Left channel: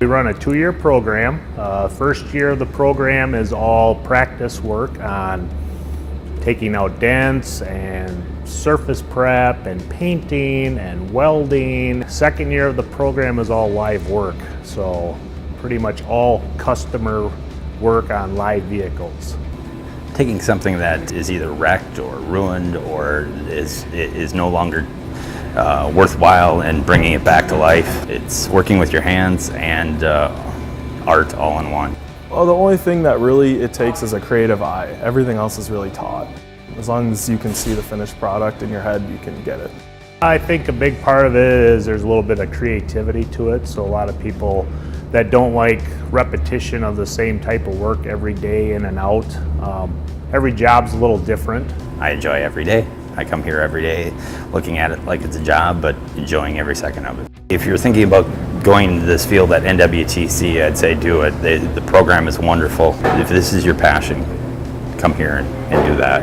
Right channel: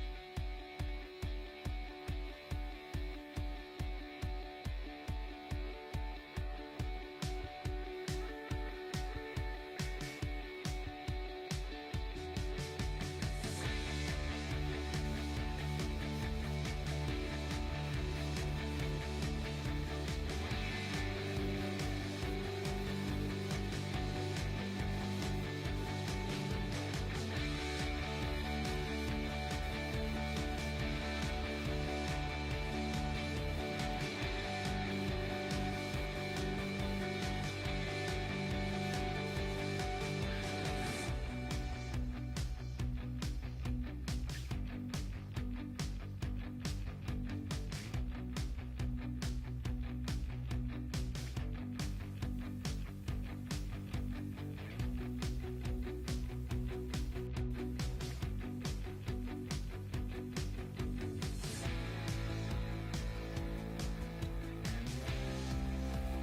We run a 2-year program. First year of the program is all practice work on taking out dents and surface prep and painting and welding. Second year of the program is all live work, so pretty much all customer work on live vehicles. Taking something that is either wrecked or ruined or is no longer worthwhile and bringing it back to life. It's working with your hands and art all in one. Well, the only thing that really it takes is a creative eye. Everything else is really taught. As long as you can see the finished product in your head, you can get it. I think a big part of it is there's a little bit of creativity to it. So a lot of people that don't like repetition of the same type of work every day in and out. Every job's a little different. I enjoy every day. I come here every day looking at it like it's a job, but enjoying every second of it. If you're thinking about going into this field at NWTC, I'd say do it. The program is wonderful. If this is your passion, come here and do that.